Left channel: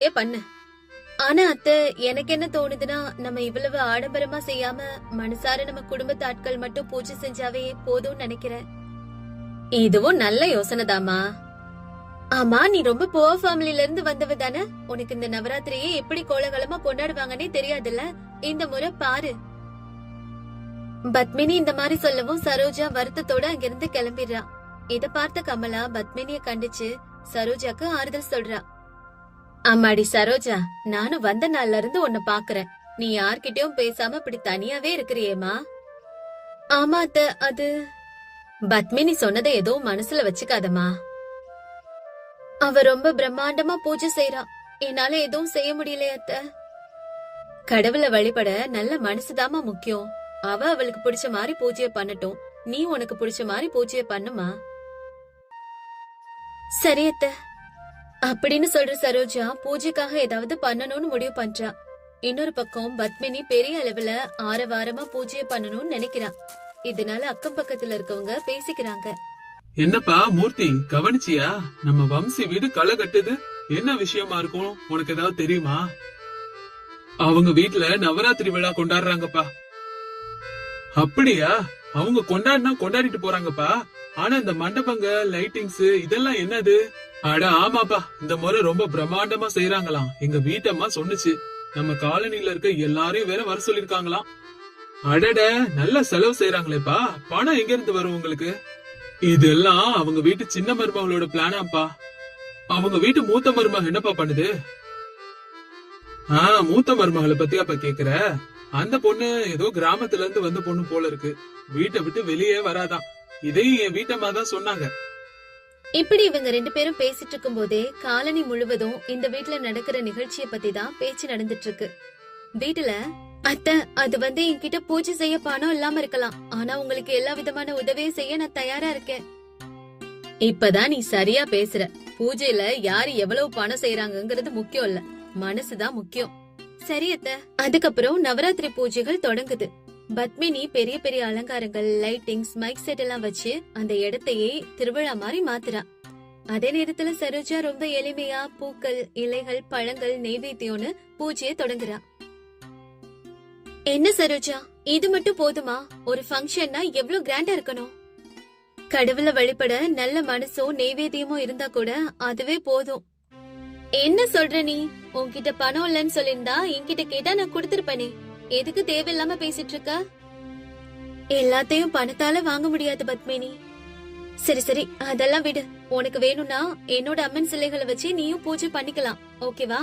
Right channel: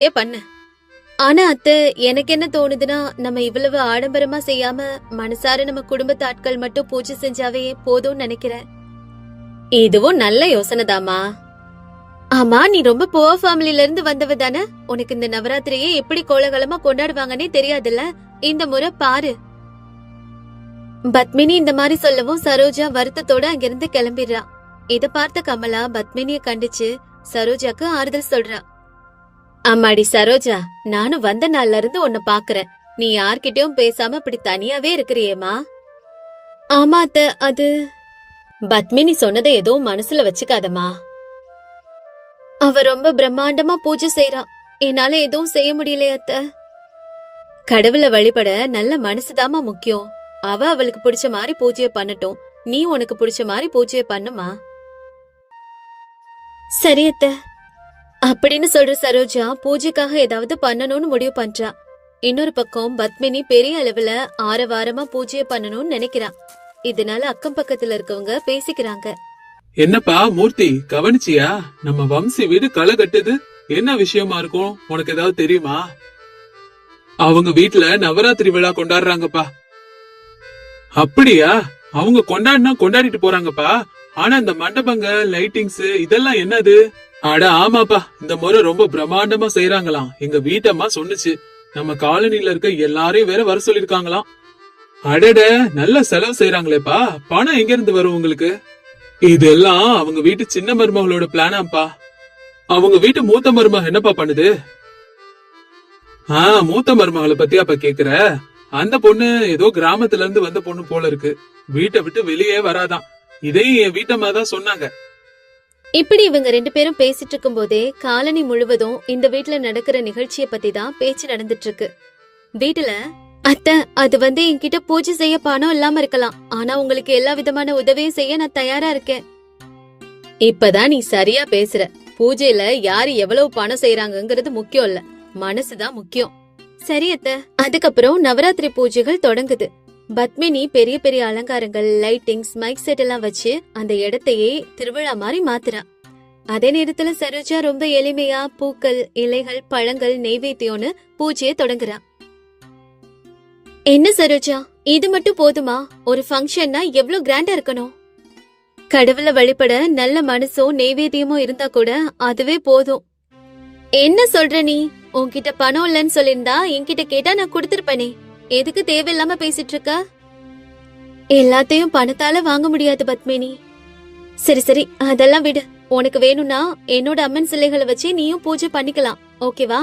பண்ணு. ஆனா அத்தை, எனக்கு என்ன தோணுதுன்னா, நம்ம இவ்வளவு ஆடம்பரமா செய்யாம மனசார நம்ம குடும்பத்து ஆட்கள் மட்டும் பூஜை செஞ்சாவே போதும்னு நினைக்கிறேன். இதுவும் நல்ல யோசனைதாம்மா. ஆமா, நீ ரொம்ப புவர் ஃபேமிலில இருந்து வந்தவ தானே? உனக்கு இந்த நவராத்திரியை எப்படி கோலாகலமா கொண்டாடுவாங்கன்னே தெரியாதுல்ல. இந்த முறை பாரு. பத்மினி இந்த மாதிரி சொல்லவும் சரோஜா வருத்தத்தோட அங்கிருந்து கிளம்பிடுறா. இத பார்த்த கமலா பத்மினிய கண்டிச்சு சரோஜாக்கு ஆறுதல் சொல்றா. அம்மாடி சரோஜா, நானும் வந்த நாள்ல இருந்து உன்னை பாக்குறேன். நீ யார்கிட்டயும் பேசாம இப்படி தனியாவே இருக்கிறியேமா. ஆமா அத்தை, அது பத்மினி சொன்னதை ஏதோ மனசுல வச்சுக்காதம்மா. அவ ரொம்ப பிரம்மாண்டமா பூஜை செய்யறா. என்னால எதுவும் செய்ய முடியலையே அத்தை. கடவுளை வழிபட நல்ல மனசுதாமா முக்கியம். அவ அவளுக்கு பிடிச்ச மாதிரி பூஜையை பண்ணட்டும். நீ உனக்கு பிடிச்ச மாதிரி பூஜையை பண்ணுமா. சரி அத்தை அப்படின்னு சொல்ற சரோஜா பூஜைக்காக ஏதாவது பண்ணணும்னு முடிவு பண்றா. இன்னொரு பக்கம் பத்மினி பெரிய அளவுல ஆரவாரமா பூஜையை பண்ணணும்னு நினைக்கிறா. இதனால அக்கம் பக்கத்துல இருக்கவங்க பேசிக்கிறாங்க. என்னப்பா மூர்த்தி, கவனிச்சியா? நம்ம வம்சி வீடு களை கட்டுது. என்ன விஷயமா இருக்கும்? உனக்கு ஏதாவது தெரியுமா? அவங்க வீட்டுல நவராத்திரி விழா கொண்டாடுறாங்கப்பா. அப்படியா? அவங்க கொண்டாடினா கொண்டாடிட்டு போறாங்கப்பா. ஆனா இந்த மண்டபங்க, லைட்டிங்ஸ் இதெல்லாம் என்னது? அட ஆமாப்பா, இந்த முறை ரொம்ப பிரம்மாண்டமா செய்யறாங்களாம். எங்க வீட்டம்மா சொன்னுச்சு. நம்ம காலனில இருக்க எல்லாரையும் வேற வர சொல்லிருக்காங்களாம். அடட, நல்ல செலவு செய்யறாங்களேப்பா. பணம் எங்க இருந்து வரும் உங்களுக்கு? இதெல்லாம் அவங்க வீட்டு சின்ன மருமகளோட பிளானாப்பா. அவங்க வீட்டு மூத்த மருமக என்னப்பா பண்ணுது? மூத்த மருமகளை பத்தி அப்ப கேக்குற? அந்த பொண்ணு ஏதோ கிராமத்துல இருந்து வந்த பொண்ணு போல இருக்கு. வீட்டை விட்டு வெளியே வராதான். இதையும் என் வீட்டம்மா தான் சொன்னாங்க. இப்படி இவங்க ரெண்டு பேரும் பேசிட்டு இருக்கும் போதே காலனி முழுவதும் இந்த வீட்டுல நடக்கிற நிகழ்ச்சிய பத்தி தான் பேச்சு நடந்துட்டு இருக்கு. வீட்டுல அத்தை, அது என்கிட்ட பூஜை செய்ய பணம் இல்லாம இருக்கலாம். ஆனா உங்களுக்கு எல்லா விதமான உதவியும் செய்ய நான் தயாரா இருக்கேன். இப்பதான் நீ சரியா பேசுற. பூஜையில யாரு எவ்வளவு பணம் செய்யறாங்கிறது முக்கியம் இல்ல, மனசுதான் முக்கியம். சரி அத்தை. அதுக்கப்புறம் நவராத்திரி பூஜைகள் தொடங்குது. பத்மினி பெரிய பெரிய அலங்காரங்கள், லைட்டிங்ஸ், மைக் செட் எல்லாம் வச்சு அந்த இடத்தையே திருவிழா மாதிரி மாத்துறா. அதே நேரத்துல சரோஜா ரொம்ப எளிமையா பூக்கள், இலைகள், பழங்கள், நெய்வேத்தியம்னு பூஜையை தொடங்குறா. என்ன சரோஜா, இது மட்டும் போதுமா? ஒரு ஃபங்க்ஷன்னா எவ்வளவு கிராண்டா இருக்கணும். கடவுளை வழிபட நல்ல மனசும் நெய்வேத்தியமும் இருந்தா கூட அதுவே போதும். என்ன சொல்ற நீ? உன்கிட்ட பணம் இல்லன்னு சொல்லிருந்தா என்கிட்ட கேட்டா நான் கொடுத்திருப்பேனே. எதுக்கு தேவையில்லாம பேசிட்டு இருக்க? எல்லாத்தையும் பணத்தால வாங்க முடியாது பத்மினி. சரி சரி, அதெல்லாம் விடு. உனக்கு வேணும்னா என்னோட அம்மன் சிலைகளை வச்சு நீயும் பூஜை பண்ணிக்கலாம், ஓகேவா?